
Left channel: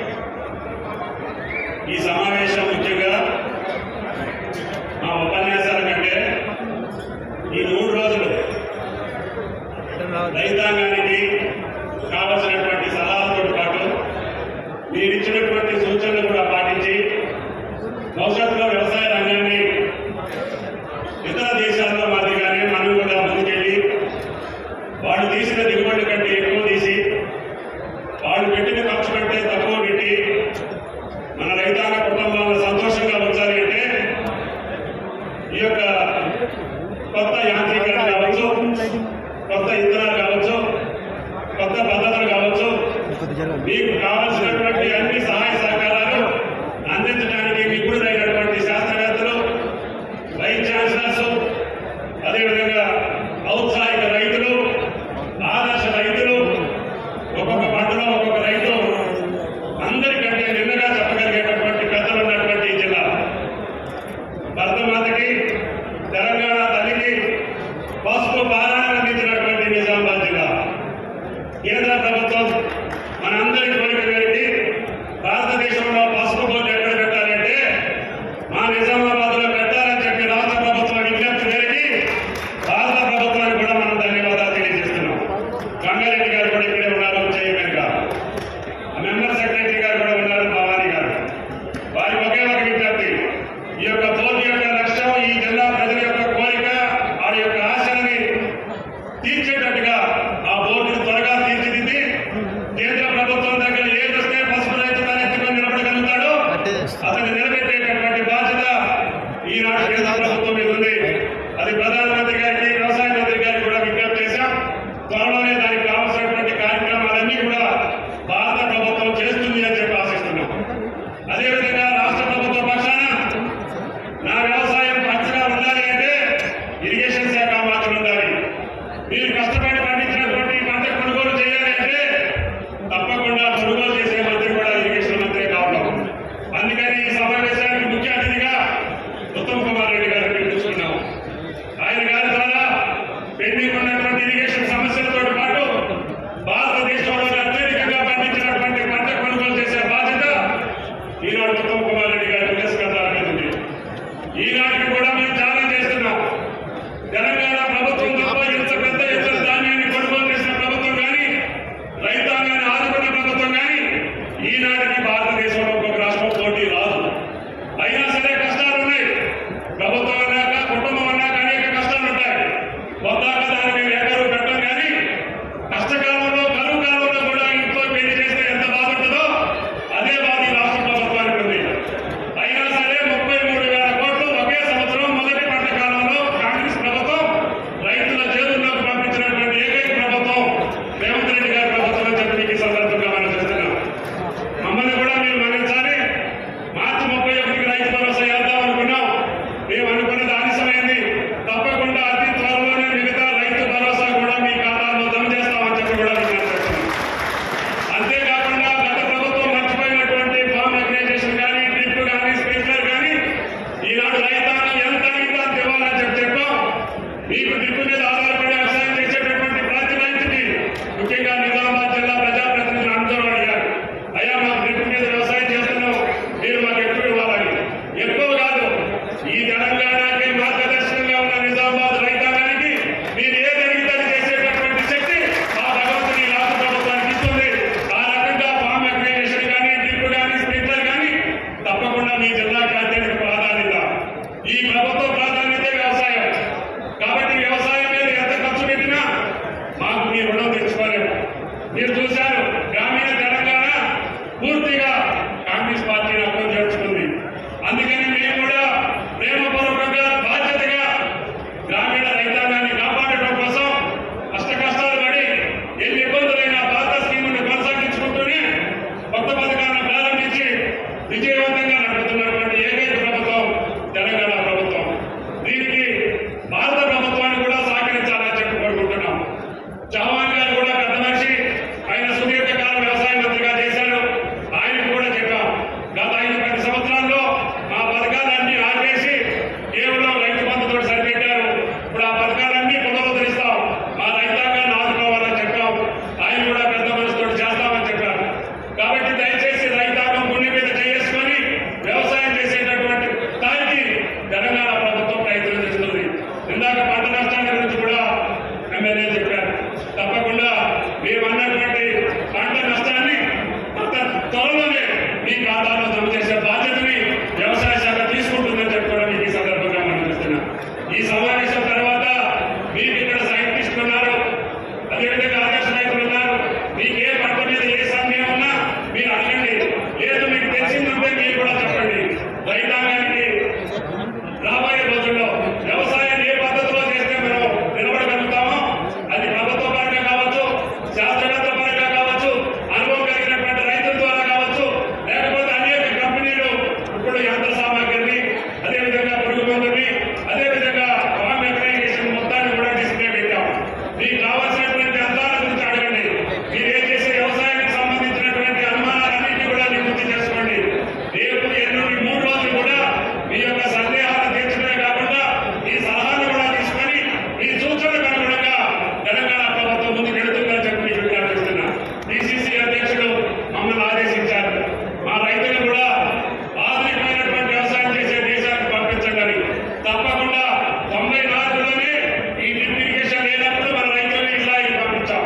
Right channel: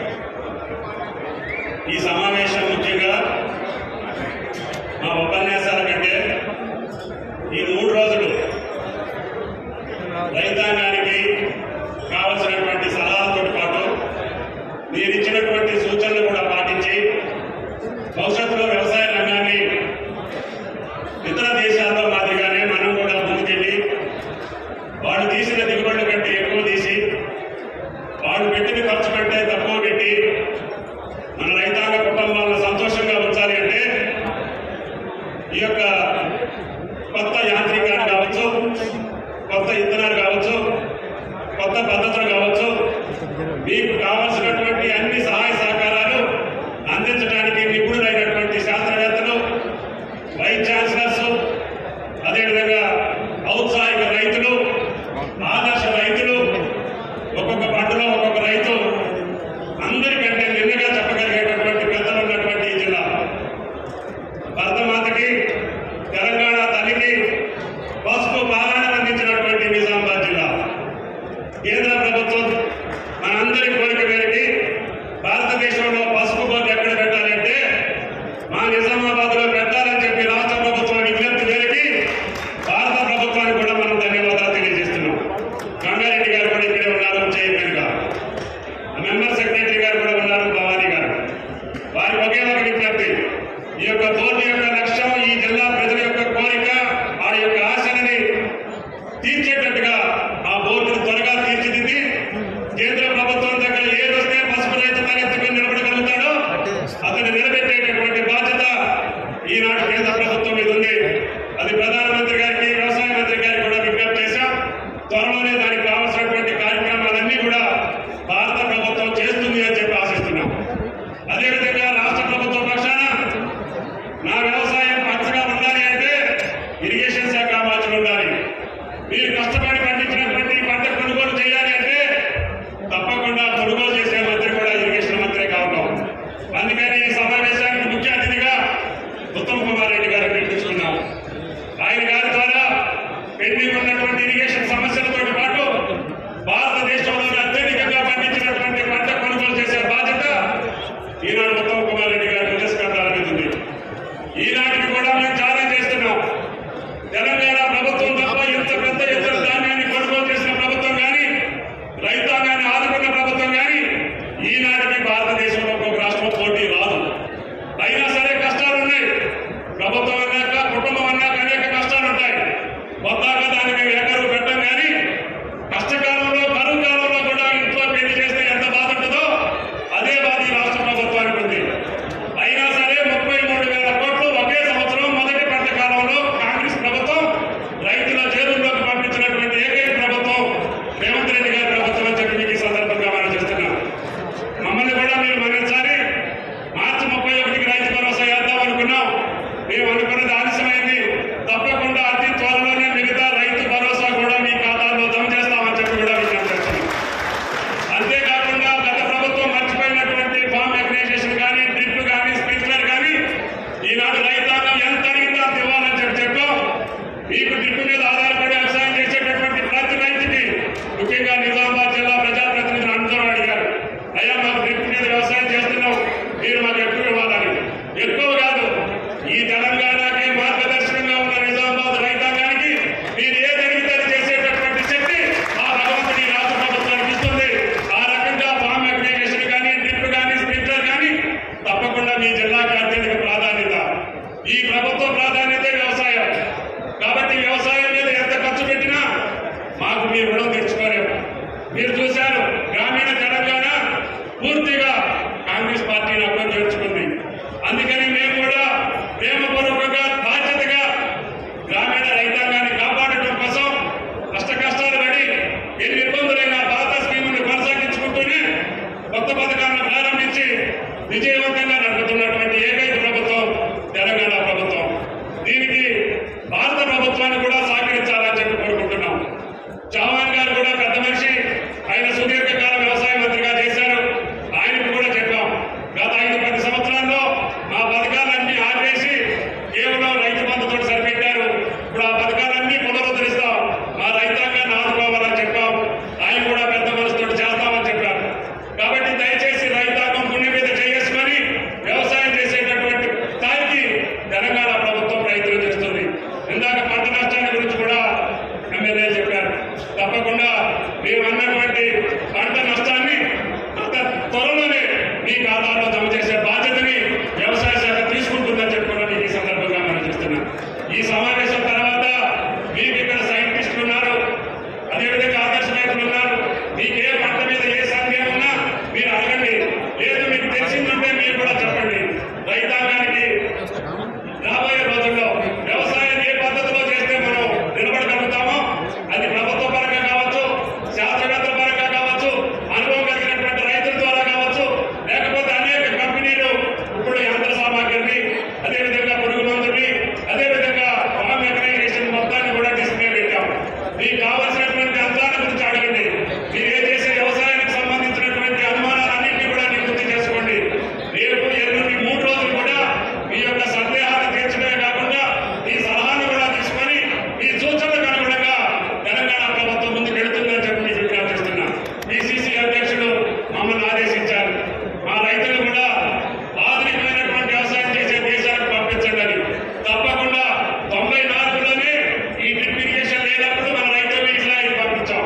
ఈ సమావేశం ముఖ్యంగా మా ఉపన్యాసాల కంటే ఈ 3 రోజులు రైతాంగానికి కావలసినటువంటి సలహాలతో పాటు నేను ఇచ్చినటువంటి సూచనలు కూడా పాటించి భవిష్యత్తులో వ్యవసాయ రంగాన్ని ఇతర దేశాల్లో మాదిరిగానే మనం కూడా ముందుకెళ్ళి వాళ్ళు తీసిన దిగుబడుల కంటే ఎక్కువ తీసి వాళ్ళు పెట్టిన ఖర్చు కంటే తక్కువ పెట్టి మన రైతాంగ కుటుంబాలను సంతోషంగా ఉంచాలి అంటే ఈ యొక్క కొత్త యాంత్రికాలు కావచ్చు, కొత్త ఇత్తనాలు కావచ్చు, కొత్త పద్ధతులు కావచ్చు, మీకు కావాల్సినటువంటి అన్ని సహాయ సహకారాలు అందించడానికి నిపుణులైనటువంటి శాస్త్రవేత్తలు, వైస్ ఛాన్సలర్స్, అదేవిధంగా ఔత్సాహిక రైతులు, ఆదర్శ రైతులు, ఒక్కొక్క పంటలో ఒక్కొక్క రైతు అందరికంటే నిన్నగా చెప్పగలిగేటటువంటి పెద్దలు ఉన్నటువంటి ఈ జిల్లా. భరతమాతకి, తెలంగాణ తల్లికి పసుపు పాలన అందించినటువంటి నిజామాబాద్ జిల్లా. కేంద్ర ప్రభుత్వం మనందరి కోరిక మేరకి భారతదేశంలో పసుపు బోర్డు ఎక్కడ పెట్టాలంటే మా నిజామాబాద్ లో పెట్టాలని చెప్పి రాష్ట్ర ప్రభుత్వం విజ్ఞప్తి మేరకి భారత ప్రభుత్వానికి కూడా మనం ధన్యవాదాలు తెలియజేస్తున్నాం. గంగారెడ్డి గారు కూడా ఇక్కడే ఉన్నారు, చైర్మన్ గా. మెంబర్ సెక్రటరీ గారు కూడా ఉన్నారు, భవానీ గారు. వారి ఒకే ఒక విజ్ఞప్తి, ఈ యొక్క బోర్డు యొక్క లక్ష్యం ఈ జిల్లా ప్రజల యొక్క కోరిక, ఆ యొక్క ఆశలని తీర్చేటట్టుగా ఆ బోర్డును త్వరగా తీర్చిదిద్ది కేంద్ర ప్రభుత్వం దగ్గర ఏదొస్తే పసుపు రైతు తలెత్తుకొని నిలబడగలుగుతాడో అతన్ని నిలబెట్టేటటువంటి బాధ్యత ఈనాడు కేంద్ర ప్రభుత్వం మీద ఉంది. అది ప్రధానమంత్రి గారికి, వ్యవసాయ మంత్రి గారికి కూడా విజ్ఞప్తి చేశాం. త్వరలోనే దానికి కావాల్సినటువంటి కార్యక్రమాలన్నీ కూడా భారత ప్రభుత్వం చేస్తుంది అని చెప్పి ఆశిస్తున్నాం. అదేవిధంగా రాష్ట్ర ప్రభుత్వ పక్షాన నా వ్యవసాయం పచ్చగా ఉండాలి అంటే ఇరిగేషన్ శాఖ మార్చులు ఉండాలి. మీరు కష్టపడి పండించినటువంటి పంట కొనుగోలు చేయాలి అంటే తప్పకుండా కొనుగోలు చేసే మంత్రి కూడా ఇరిగేషన్ మంత్రి కావడం. అందుకని ఈ సమావేశానికి ముఖ్య అతిథిగా ఉత్తమ్ కుమార్ రెడ్డి గారిని పిలుచుకున్నాం. ఆయన గారి ద్వారా పెండింగ్ ఉన్నటువంటి ఇరిగేషన్ సమస్యలతో పాటు భారతదేశంలో అత్యధికంగా పండించినటువంటి పంట కొనుగోలు చేసే బాధ్యత ఈనాడు ఉత్తమ్ కుమార్ రెడ్డి గారి పురస్కారానికి ఉంది. ఈనాటి మీ రుణం తీర్చుకోలేము. మీరు చూశారు, గ్రామీణ తెలంగాణ పూర్తిగా కాంగ్రెస్ పార్టీని అభివృద్ధి చేర్చుకుంది. అందుకని మేము కూడా ప్రేమపూర్వకంగా బాధ్యతగా గ్రామీణ రైతాంగాన్ని కాపాడటం కోసం కష్టాలు పడి ఎన్ని ఇబ్బందులైనా పాత స్కీములను కొనసాగించుకుంటూనే కొత్త పథకాలను ప్రారంభించి విజయవంతంగా నడుపుతున్నటువంటి ఏకైక ప్రభుత్వం తెలంగాణ ప్రభుత్వం. దీనికి భారత ప్రభుత్వాన్ని కూడా సహకరించాలని చెప్పి కోరుకుంటున్నాం. చౌహాన్ గారు కూడా పెద్ద మనిషి, ఆయన సుదీర్ఘకాలం వ్యవసాయ మంత్రిగా చేశారు. ఆయనకు కూడా చెప్పాం, గత 5-10 సంవత్సరాల్లో ఆ పథకాలన్నీ ఆపేసి కేవలం రైతు బంధుతో సరిపెట్టారు. ఇప్పుడు ఆ పథకాలన్నీ పునరుద్ధరిస్తాం, మా రైతాంగాన్ని ఆదుకోవాలని చెప్పాం. ఆయన కూడా పెద్ద మనసుతో చేస్తామని చెప్పారు. కాబట్టి దయచేసి రైతాంగం గుండె మీద చేసుకొని వ్యవసాయం చేసేటటువంటి దానికి తెలంగాణ ప్రభుత్వం ప్రయత్నం చేస్తుంది. ఇందాక పంట నష్టాన్ని గురించి కూడా ఎమ్మెల్యే చెప్పారు. తప్పకుండా మేమన్నటువంటి పంట నష్టాన్ని అంత త్వరలోనే మీ ఖాతాలో జమ చేసే బాధ్యతని వ్యవసాయ శాఖ తీసుకుంటుందని చెప్పి కూడా మీకు ఈ సందర్భంగా మనం చూస్తున్నాం. ఈ సమావేశం తర్వాత మీకు ఇక్కడ సైంటిస్టులు ఉన్నారు, అదేవిధంగా ఆదర్శ నాయకులు ఉన్నారు. మీకు ఏ పంట మీద ఏ సందేహం ఉన్నా మీరు అడగండి, లేదు మీకు తెలిసిందంటే మీరు కూడా చెప్పండి. రైతాంగానికి రాబోయే రోజుల్లో వ్యవసాయం ఏ పద్ధతిలో చేస్తే మనం నిలబడగలుగుతామో అది ప్రభుత్వ పరంగా కావచ్చు, శాస్త్రవేత్త పరంగా కావచ్చు, అనుభవం కలిగినటువంటి రైతుల ద్వారా కావచ్చు, లేకపోతే అనేక కంపెనీలు ఇప్పుడు యంత్ర సామాగ్రిని, అదేవిధంగా పురుగు మందుని, అదేవిధంగా ఫార్మ్ అగ్రిగేషన్ మొత్తాన్ని కూడా తీసుకునే పెట్టాం. మీకు కావాల్సినటువంటి యంత్రాల గురించి అడగండి. మీరు ఏం చేసే వ్యవసాయానికి సంబంధించినటువంటి అనుమానాలన్నింటినీ కూడా నివృత్తి చేసుకోండి. రేపు 3 రోజులు కూడా మీ యొక్క సందేహాలు తీర్చడమే కాకుండా ఈ సలహాను కూడా తీసుకొని మీ సూచనలకు అనుగుణంగా తెలంగాణ ప్రభుత్వం ముందుకు వెళుతుందని చెప్పి మీకు విజ్ఞాపిస్తున్నాను. పిసిసి అధ్యక్షుడు మమ్మల్ని ఆదేశించారు, మా రైతులు కూడా ఆధునికమైనటువంటి వ్యవసాయం చేసే దేశానికి పంపించండి. తప్పకుండా 94లోనే ఈ డ్రిప్ ఇరిగేషన్ లేనప్పుడు మన రైతులు ఇట్లా పంపించాం.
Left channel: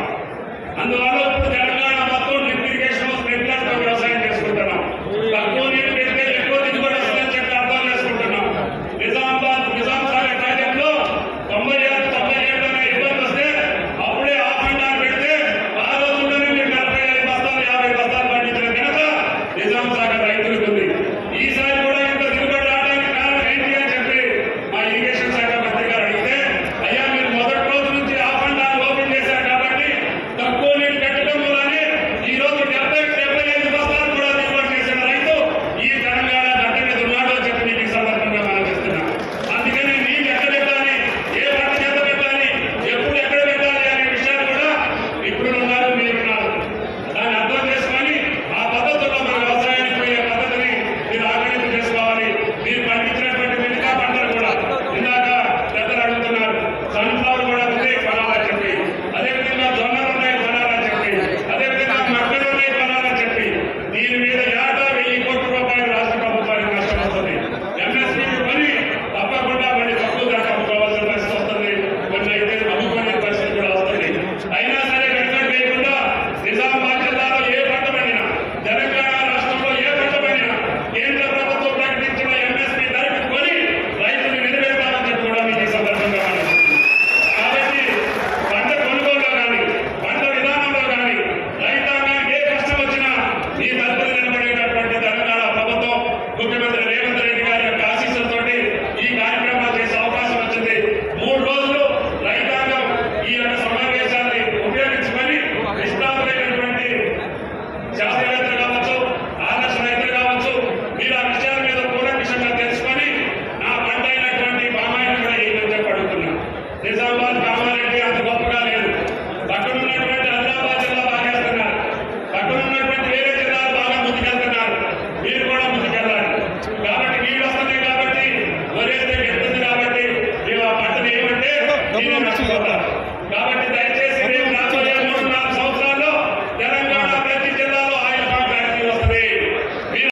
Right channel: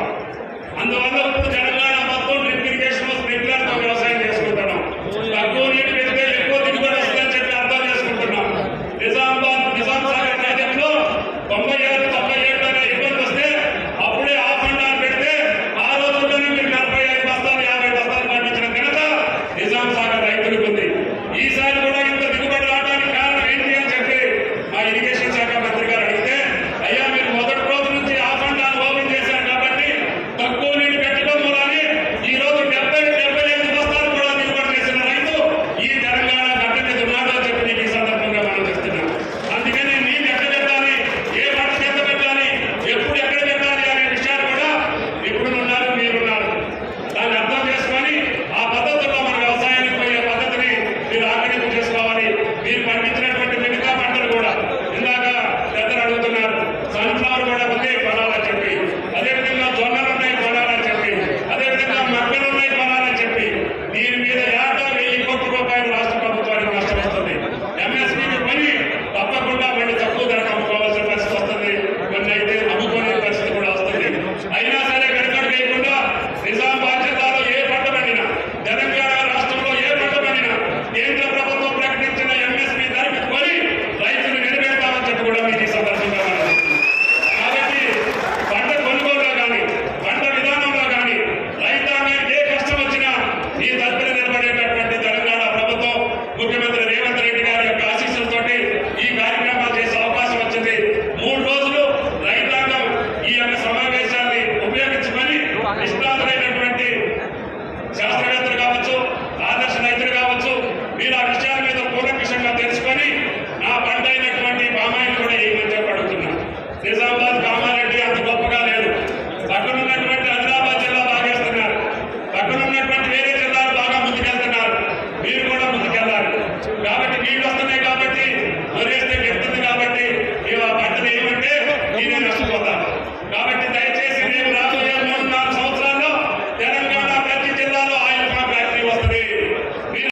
అందువల్ల ఇప్పుడు తెలంగాణ మొత్తం డ్రిప్ ఇరిగేషన్ స్ప్రింక్లర్ తో వ్యవసాయం చేసుకుంటున్నాం. తక్కువ నీరు పెడితే ఎక్కువ దిగుబడి వస్తుందని చెప్పి అర్థం చేసుకుంటున్నాం. నిజాం సాగర్ ప్రాజెక్టులో 96-97 అనే ఇబ్బంది వస్తే అప్పుడే ఆఫ్రండాన్ని పెడితే ఆ రోజుల్లోనే మీరు 45 బస్తాలు 50 బస్తాలు పండించిన కనుక నిజాం సాగర్ రైతులకు ఉంది. ఈసారి కూడా ఇంత దిగుబడి రావడానికి కారణం ఏంటి అని చెప్పి మా ఇరిగేషన్ శాఖ మంత్రి గారు అడిగితే, అయ్యా మీరు మొదటి రోజు నుంచి ఆఫ్రండాన్ని ఓపెన్ చేశారు కాబట్టి తక్కువ నీళ్ళు పెట్టడం వల్లనే ఈ రోజు 70-75 బస్తాలు కూడా దిగుబడి చేసిన రైతు ఈ తెలంగాణ గడ్డ మీద ఉన్నాడు అని చెప్పి ఈ సందర్భంగా మనం చేస్తున్నాం. అందుకని నీళ్ళు ఎక్కడ పెట్టాలి, ఏ పంట ఎంత పెట్టాలి, ఎప్పుడు ఎక్కడ పెట్టాలి అనే విషయాలు కూడా ఇప్పుడు ఉన్నారు, మీరున్నారు. దాన్ని అర్థం చేసుకొని ఆ పద్ధతుల్లో మన వ్యవసాయానికి పోయే పద్ధతిని మీరు ఆకలింపు చేసుకోవాలి. మీరు పండించినటువంటి మిగతా పంటలు కూడా ఇందాక పెద్దలు అడుగుతున్నారు, సన్ఫ్లవర్ కూడా ఉంది కొనాలని చెప్పి, అదేవిధంగా జొన్నలు ఉన్నాయి కొనాలని చెప్పి, అదేవిధంగా మక్కలు ఉన్నాయి కొనాలని చెప్పి, దీని మీద ఏటా 1000 కోట్ల రూపాయలు రాష్ట్ర ప్రభుత్వానికి నష్టం వస్తుంది. ఎంఎస్పీ పని తప్పకుండా వెళ్ళి తక్కువ ధర అమ్ముకోవాల్సిన పరిస్థితి వస్తుంది. కొన్ని అయితే అమ్ముకోలేని పరిస్థితి కూడా వస్తుంది. అయినా సరే వెనుకడు లేకుండా నిజామాబాద్ జిల్లాలో ఏ పంట పండినా, తెలంగాణ రాష్ట్రంలో ఏ పంట పండినా కేంద్ర ప్రభుత్వం ప్రకటించిన ఎంఎస్పీ ధరకు కొని రైతులు నిలబెడతామని చెప్పి కూడా మీకు ఈ సందర్భంగా కాబట్టి పంట కొనుగోలులో కానీ పంట విధానంలో కానీ రైతాంగానికి ఏ కష్టం వచ్చినా ఈ తరపున నిలబడేటటువంటి తెలంగాణ ప్రభుత్వం ముఖ్యమంత్రి రేవంత్ రెడ్డి గారి యొక్క ఆశీస్సులతోటి ఈ కార్యక్రమాలు చేసే అవకాశం వచ్చింది. 3 రోజులు రైతాంగం ఈ యొక్క సమావేశాన్ని ఉపయోగించుకొని నిష్ణాతులైనటువంటి శాస్త్ర